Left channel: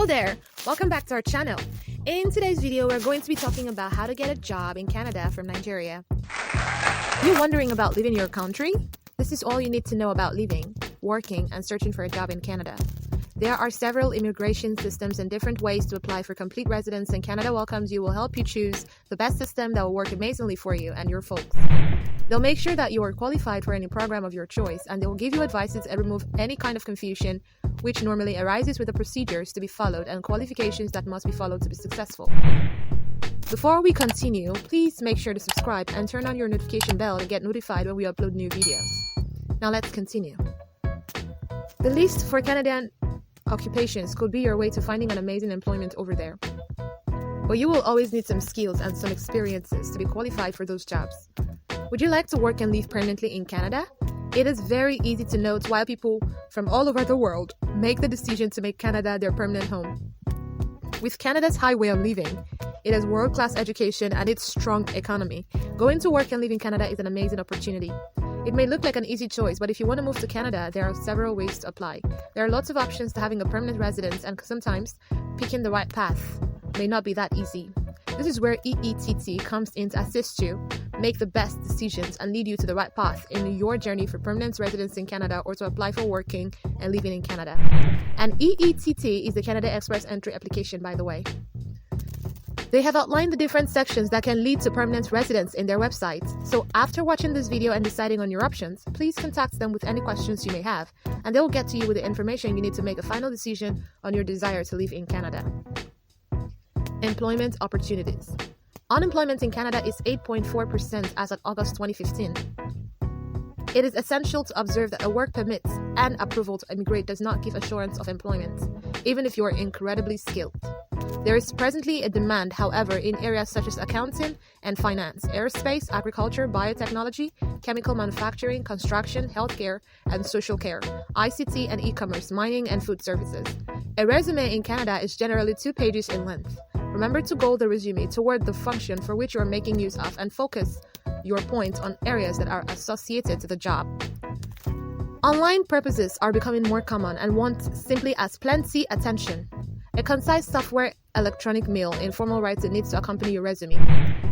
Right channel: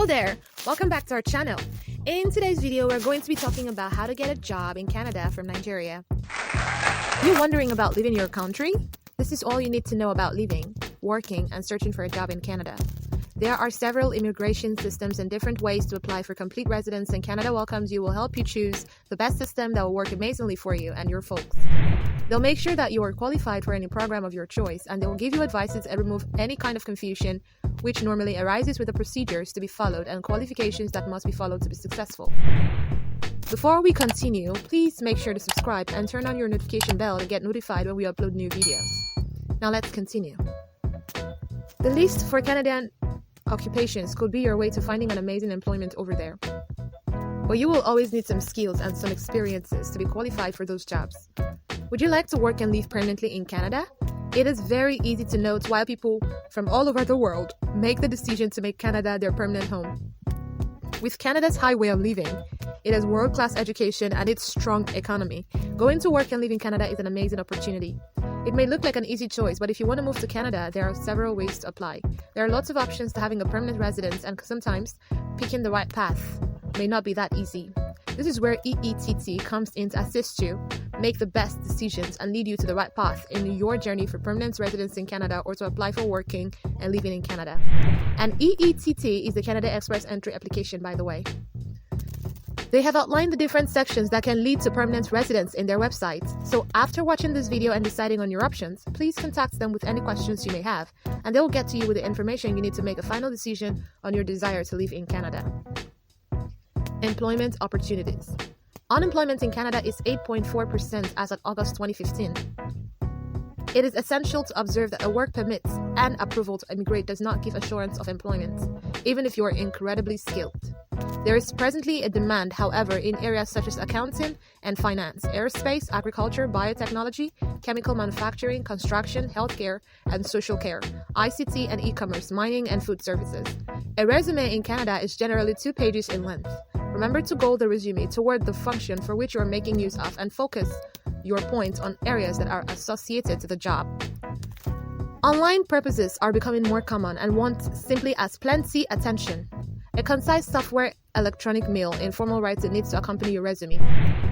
Hello there! Welcome back to our channel. In today's video, we're going to be talking about how to get a job in Canada from Nigeria. You're wondering about leaving your country? This is all you need to know about living, working, and searching for a job in Canada. There are several immigration systems and different ways to apply for complete residence, and Canada Welcomes You will help you choose the best system that will work amazingly for you and your folks. They'll make sure that you are qualified for any program of your choice, and they will give you advices and remove any kind of confusion which normally arises with the procedures to be followed and qualifications that must be followed to be successful. Before we continue, please make sure to subscribe and turn on your notification bell to get notified when we upload new videos. Now let's continue. The list for Canadian occupations could be your way to finding an amazing employment over there. But you will always need some skills and some experiences to be qualified for those jobs. Would you like to work and live permanently in Canada? It is very easy to note why people from all over the world make the decision to make Canada their permanent home. With Canada's high way of living, it has world-class education and its strong economy. Going to work and live in Canada is an amazing opportunity. It may look like an easy choice, but if you want to move to Canada, there are several ways to apply. There are lots of options to having a permanent residence, and sometimes picking the right path may not be that easy. This is where EETT comes in to assist you make the best decisions and lead you to the right path in your journey for permanent residence in Canada or to apply for working and living in Canada. And EETT is the Canada Express Entry application, by the way. They have outlined the different sections that can lead to permanent residence in their website. So after watching this video and deciding on your options, please contact them with any questions you may have, and they will get to you with the information you need to make a final decision on your desire to live in Canada. Employment opportunities. Unemployment in Canada is 8.4% as of August 2015. It is essential to observe that a work permit and approval to immigrate does not give assurance of employment, even if you are incredibly skilled. There is presently a demand, however, in areas such as accounting and finance, aerospace, agriculture, biotechnology, chemical manufacturing, construction, healthcare, and social care, ICT and e-commerce, mining, and food services. A resume in Canada is generally 2 pages in length. Remember to goal the resume toward the function for which you are making use of and focus your points on areas that are associated to the job. Online purposes are becoming more common and want simply as plenty attention. A concise software electronic mail informal writing needs to accompany your resume.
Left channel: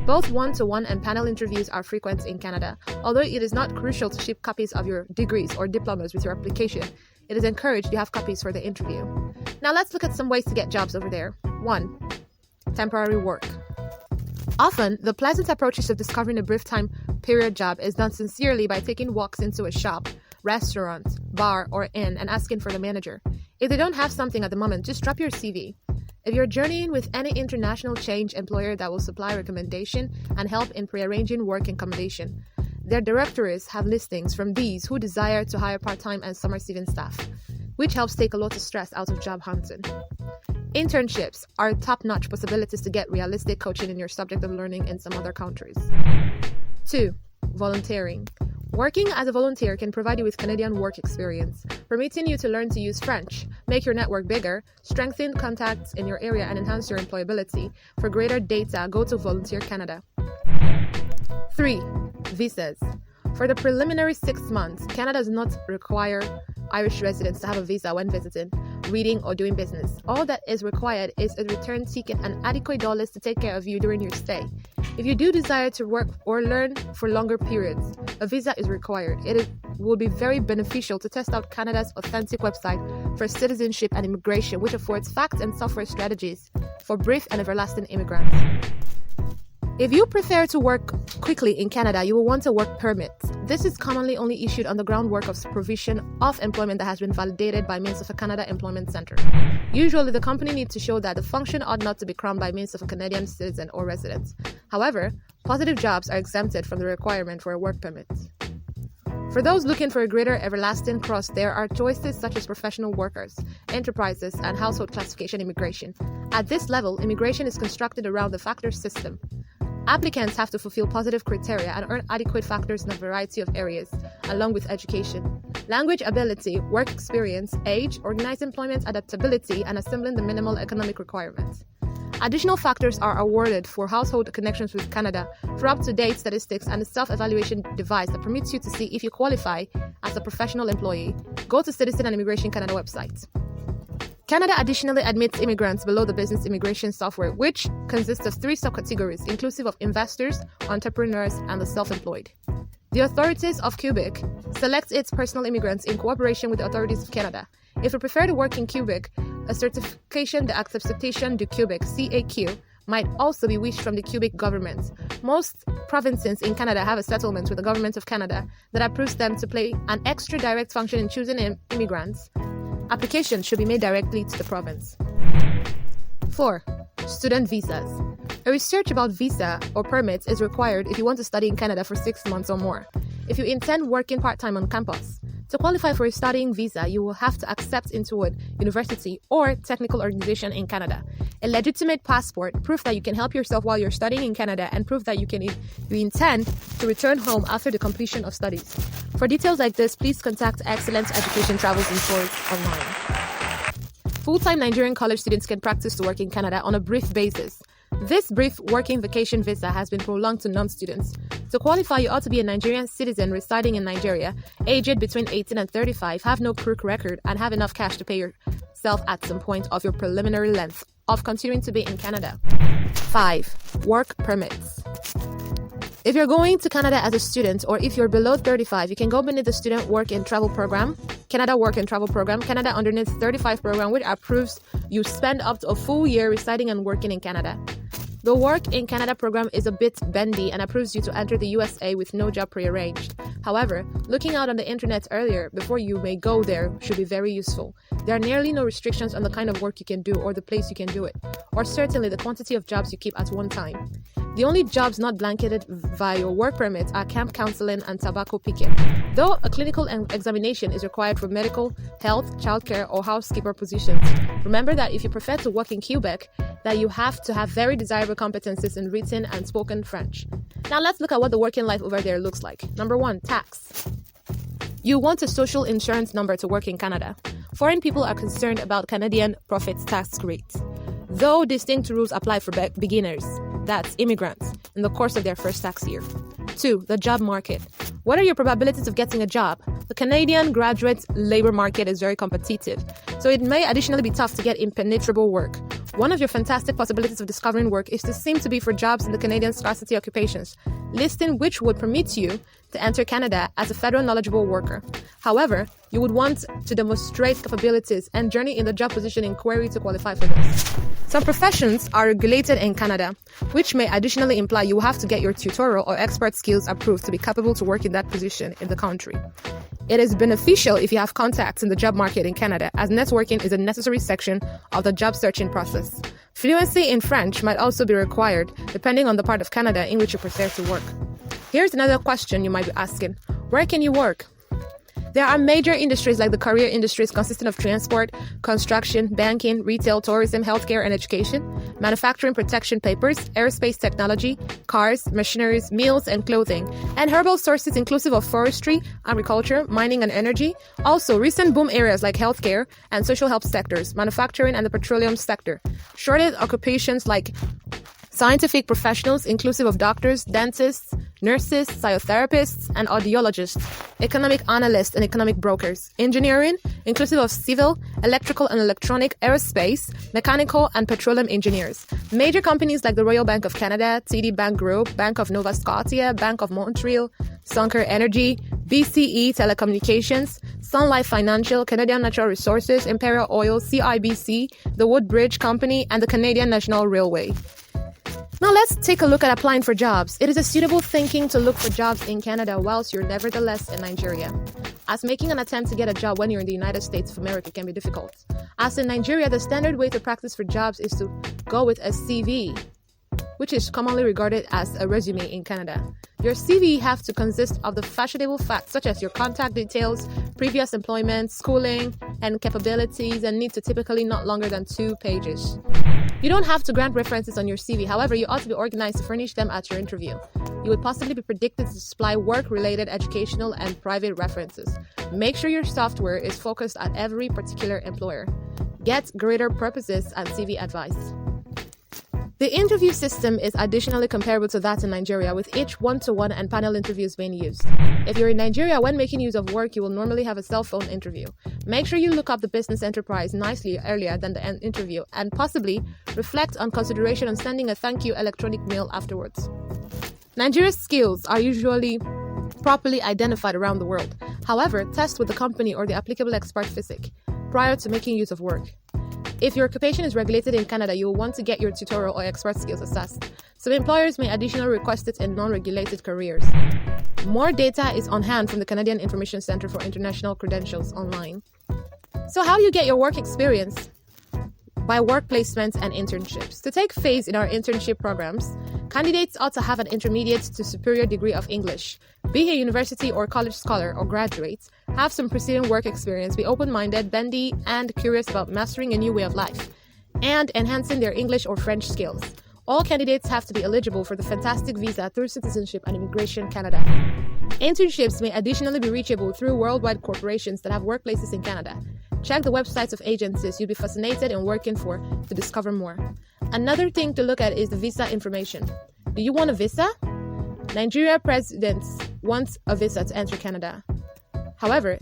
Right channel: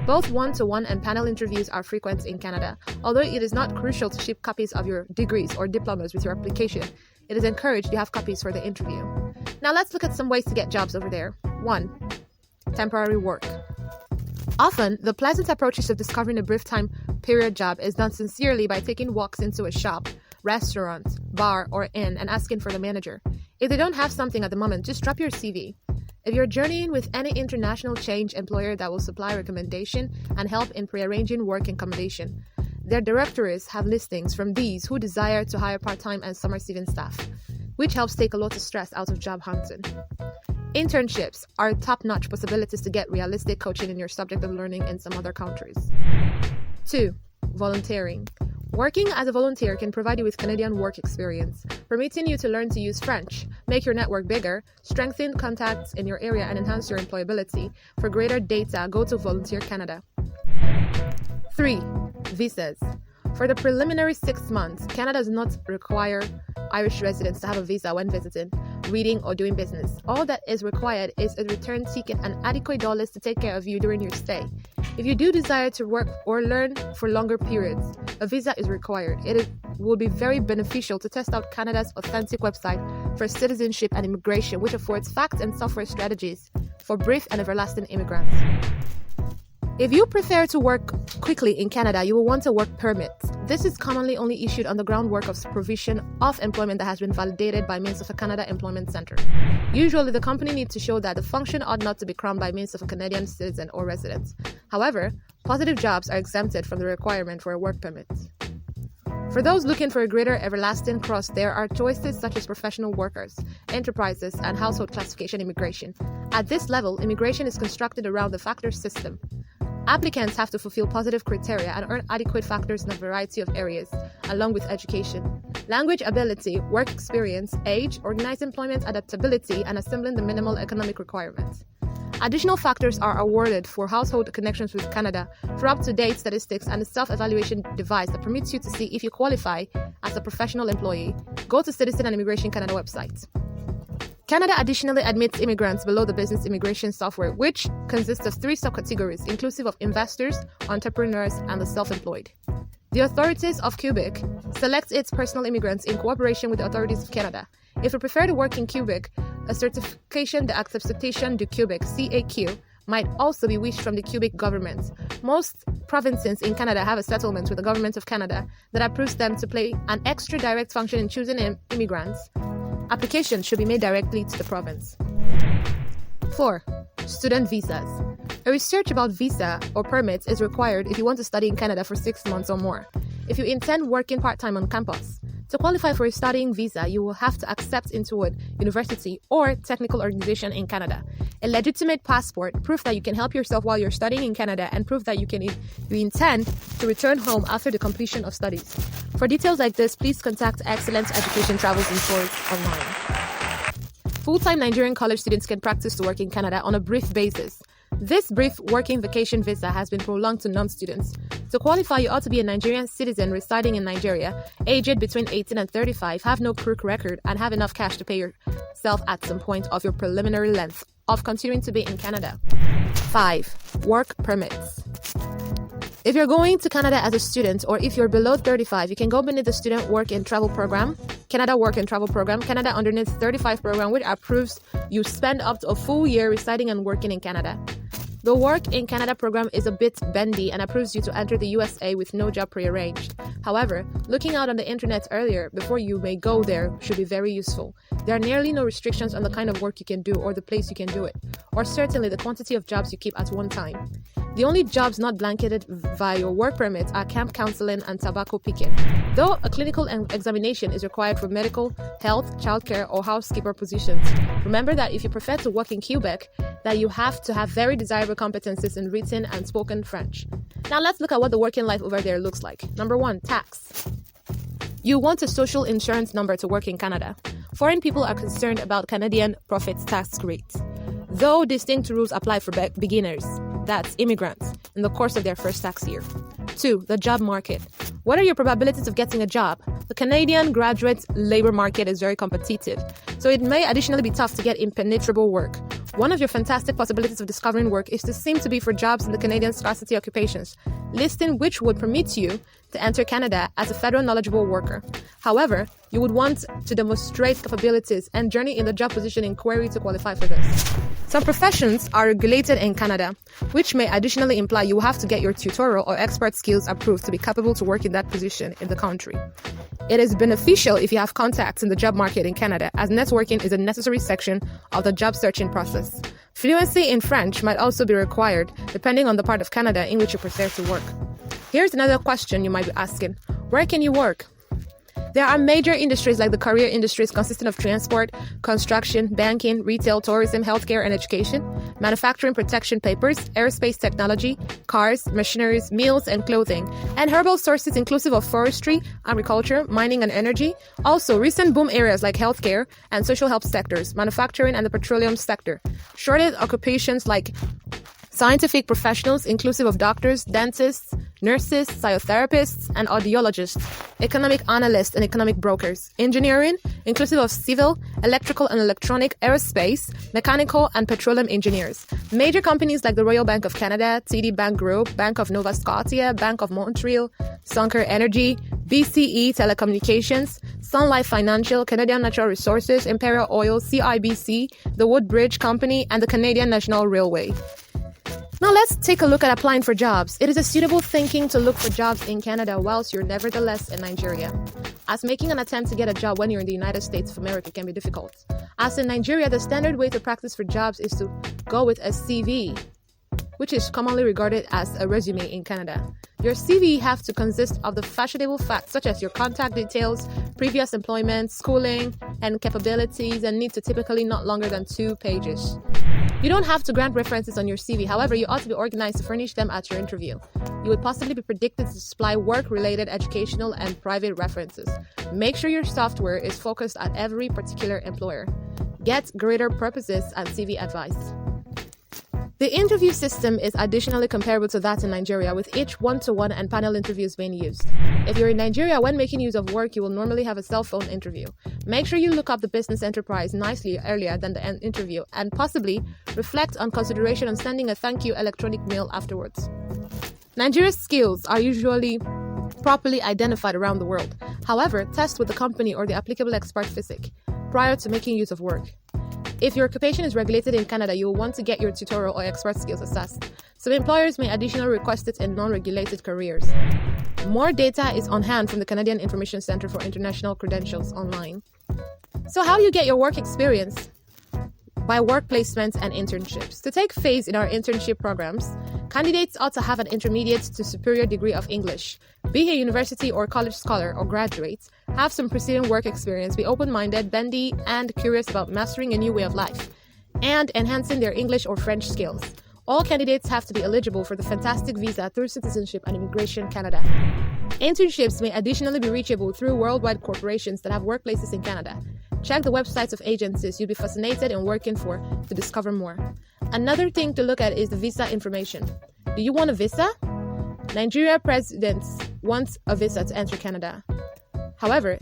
Both one-to-one and panel interviews are frequent in Canada. Although it is not crucial to ship copies of your degrees or diplomas with your application, it is encouraged you have copies for the interview. Now let's look at some ways to get jobs over there. 1. Temporary work. Often, the pleasant approaches of discovering a brief time period job is done sincerely by taking walks into a shop, restaurant, bar, or inn and asking for the manager. If they don't have something at the moment, just drop your CV. If you're journeying with any international change employer that will supply recommendation and help in prearranging work and accommodation, their directories have listings from these who desire to hire part-time and summer-season staff, which helps take a lot of stress out of job hunting. Internships are top-notch possibilities to get realistic coaching in your subject of learning in some other countries. 2. Volunteering. Working as a volunteer can provide you with Canadian work experience, permitting you to learn to use French, make your network bigger, strengthen contacts in your area, and enhance your employability. For greater data, go to Volunteer Canada. 3. Visas. For the preliminary 6 months, Canada does not require Irish residents to have a visa when visiting, reading, or doing business. All that is required is a return ticket and adequate dollars to take care of you during your stay. If you do desire to work or learn for longer periods, a visa is required. It will be very beneficial to test out Canada's authentic website for citizenship and immigration, which affords fact and software strategies for brief and everlasting immigrants. If you prefer to work quickly in Canada, you will want a work permit. This is commonly only issued on the groundwork of provision of employment that has been validated by means of a Canada Employment Centre. Usually, the company needs to show that the function ought not to be crowned by means of a Canadian citizen or resident. However, positive jobs are exempted from the requirement for a work permit. For those looking for a greater everlasting cross, there are choices such as professional workers, enterprises, and household classification immigration. At this level, immigration is constructed around the factor system. Applicants have to fulfill positive criteria and earn adequate factors in a variety of areas, along with education, language ability, work experience, age, organized employment, adaptability, and assembling the minimal economic requirements. Additional factors are awarded for household connections with Canada, for up-to-date statistics, and a self-evaluation device that permits you to see if you qualify as a professional employee. Go to Citizen and Immigration Canada website. Canada additionally admits immigrants below the business immigration software, which consists of 3 subcategories, inclusive of investors, entrepreneurs, and the self-employed. The authorities of Quebec select its personal immigrants in cooperation with the authorities of Canada. If you prefer to work in Quebec, a certification d'acceptation du Québec (CAQ) might also be wished from the Quebec government. Most provinces in Canada have a settlement with the government of Canada that approves them to play an extra direct function in choosing immigrants. Applications should be made directly to the province. 4. Student visas. A research about visa or permits is required if you want to study in Canada for 6 months or more. If you intend working part-time on campus, to qualify for a studying visa, you will have to accept into a university or technical organization in Canada. A legitimate passport, proof that you can help yourself while you're studying in Canada, and proof that you intend to return home after the completion of studies. For details like this, please contact Excellence Education Travels and Tours online. Full-time Nigerian college students can practice to work in Canada on a brief basis. This brief working vacation visa has been prolonged to non-students. To qualify, you ought to be a Nigerian citizen residing in Nigeria, aged between 18 and 35, have no crook record, and have enough cash to pay yourself at some point of your preliminary length of continuing to be in Canada. 5. Work permits. If you're going to Canada as a student, or if you're below 35, you can go beneath the Student Work and Travel Program, Canada Work and Travel Program, Canada Underneath 35 Program, which approves you spend up to a full year residing and working in Canada. The Work in Canada program is a bit bendy and approves you to enter the USA with no job prearranged. However, looking out on the internet earlier before you may go there should be very useful. There are nearly no restrictions on the kind of work you can do or the place you can do it, or certainly the quantity of jobs you keep at one time. The only jobs not blanketed via your work permit are camp counseling and tobacco picking, though a clinical examination is required for medical, health, childcare, or housekeeper positions. Remember that if you prefer to work in Quebec, that you have to have very desirable competencies in written and spoken French. Now let's look at what the working life over there looks like. Number 1, tax. You want a social insurance number to work in Canada. Foreign people are concerned about Canadian profits tax rates, though distinct rules apply for beginners, that's immigrants, in the course of their first tax year. 2. The job market. What are your probabilities of getting a job? The Canadian graduate labor market is very competitive, so it may additionally be tough to get impenetrable work. One of your fantastic possibilities of discovering work is to seem to be for jobs in the Canadian scarcity occupations, listing which would permit you to enter Canada as a federal knowledgeable worker. However, you would want to demonstrate capabilities and journey in the job position inquiry to qualify for this. Some professions are regulated in Canada, which may additionally imply you will have to get your tutorial or expert skills approved to be capable to work in that position in the country. It is beneficial if you have contacts in the job market in Canada, as networking is a necessary section of the job searching process. Fluency in French might also be required, depending on the part of Canada in which you prefer to work. Here's another question you might be asking. Where can you work? There are major industries like the career industries consisting of transport, construction, banking, retail, tourism, healthcare, and education, manufacturing protection papers, aerospace technology, cars, machineries, meals, and clothing, and herbal sources inclusive of forestry, agriculture, mining, and energy. Also, recent boom areas like healthcare and social health sectors, manufacturing, and the petroleum sector. Shorted occupations like scientific professionals inclusive of doctors, dentists, nurses, physiotherapists, and audiologists, economic analysts and economic brokers, engineering, inclusive of civil, electrical and electronic, aerospace, mechanical, and petroleum engineers. Major companies like the Royal Bank of Canada, TD Bank Group, Bank of Nova Scotia, Bank of Montreal, Suncor Energy, BCE Telecommunications, Sun Life Financial, Canadian Natural Resources, Imperial Oil, CIBC, the Woodbridge Company, and the Canadian National Railway. Now let's take a look at applying for jobs. It is a suitable thinking to look for jobs in Canada whilst you're nevertheless in Nigeria, as making an attempt to get a job when you're in the United States of America can be difficult. As in Nigeria, the standard way to practice for jobs is to go with a CV, which is commonly regarded as a resume in Canada. Your CV have to consist of the fashionable facts such as your contact details, previous employment, schooling, and capabilities, and need to typically not longer than 2 pages. You don't have to grant references on your CV, however, you ought to be organized to furnish them at your interview. You would possibly be predicted to supply work-related, educational, and private references. Make sure your software is focused at every particular employer. Get greater purposes and CV advice. The interview system is additionally comparable to that in Nigeria, with each one-to-one and panel interviews being used. If you're in Nigeria, when making use of work, you will normally have a cell phone interview. Make sure you look up the business enterprise nicely earlier than the interview, and possibly reflect on consideration on sending a thank you electronic mail afterwards. Nigeria's skills are usually properly identified around the world. However, test with the company or the applicable expert physic prior to making use of work. If your occupation is regulated in Canada, you will want to get your tutorial or expert skills assessed. Some employers may additionally request it in non-regulated careers. More data is on hand from the Canadian Information Centre for International Credentials online. So how do you get your work experience? By work placements and internships. To take phase in our internship programs, candidates ought to have an intermediate to superior degree of English, be a university or college scholar or graduate, have some preceding work experience, be open-minded, bendy, and curious about mastering a new way of life, and enhancing their English or French skills. All candidates have to be eligible for the fantastic visa through Citizenship and Immigration Canada. Internships may additionally be reachable through worldwide corporations that have workplaces in Canada. Check the websites of agencies you'll be fascinated in working for to discover more. Another thing to look at is the visa information. Do you want a visa? Nigeria presidents want a visa to enter Canada. However,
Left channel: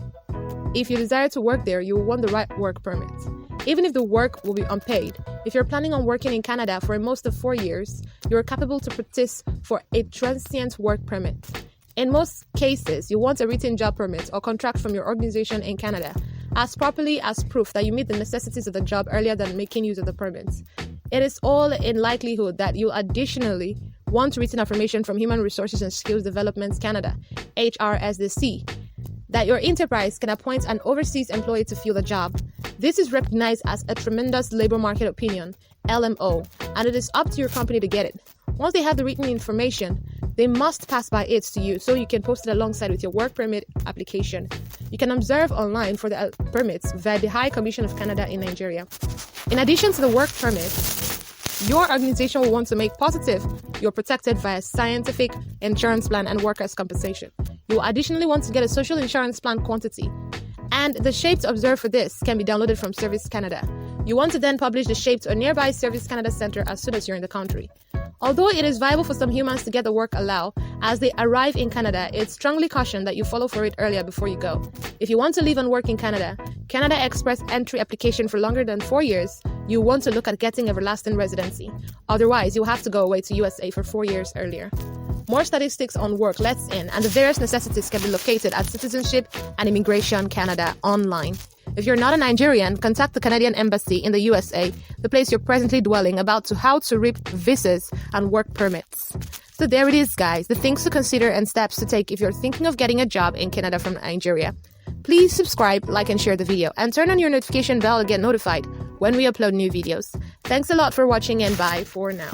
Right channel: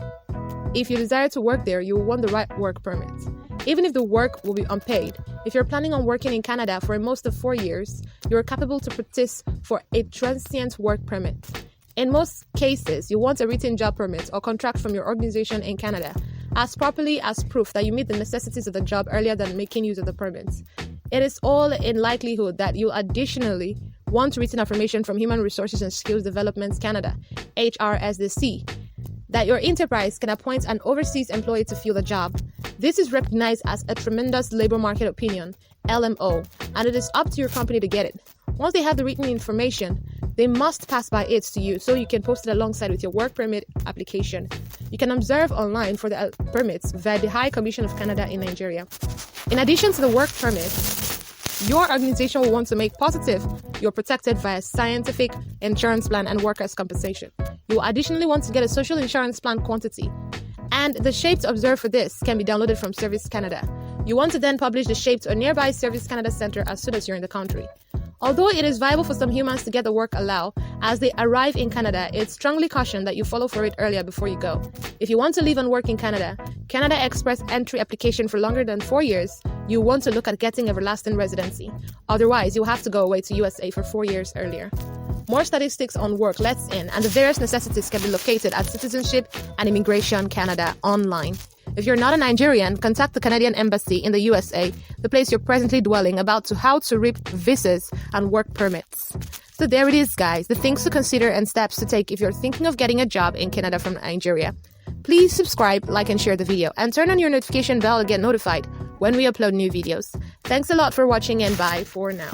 if you desire to work there, you will want the right work permit. Even if the work will be unpaid, if you're planning on working in Canada for most of 4 years, you're capable to petition for a transient work permit. In most cases, you want a written job permit or contract from your organization in Canada as properly as proof that you meet the necessities of the job earlier than making use of the permit. It is all in likelihood that you additionally want written affirmation from Human Resources and Skills Development Canada, HRSDC, that your enterprise can appoint an overseas employee to fill the job. This is recognized as a tremendous labor market opinion, LMO, and it is up to your company to get it. Once they have the written information, they must pass by it to you so you can post it alongside with your work permit application. You can observe online for the permits via the High Commission of Canada in Nigeria. In addition to the work permit, your organization will want to make positive you're protected via scientific insurance plan and workers' compensation. You will additionally want to get a social insurance plan quantity, and the shape to observe for this can be downloaded from Service Canada. You want to then publish the shape to a nearby Service Canada center as soon as you're in the country. Although it is viable for some humans to get the work allowed as they arrive in Canada, it's strongly cautioned that you follow for it earlier before you go. If you want to live and work in Canada, Canada Express entry application for longer than 4 years, you want to look at getting everlasting residency. Otherwise, you'll have to go away to USA for 4 years earlier. More statistics on work lets in and the various necessities can be located at Citizenship and Immigration Canada online. If you're not a Nigerian, contact the Canadian Embassy in the USA, the place you're presently dwelling, about how to reap visas and work permits. So there it is, guys, the things to consider and steps to take if you're thinking of getting a job in Canada from Nigeria. Please subscribe, like, and share the video, and turn on your notification bell to get notified when we upload new videos. Thanks a lot for watching, and bye for now.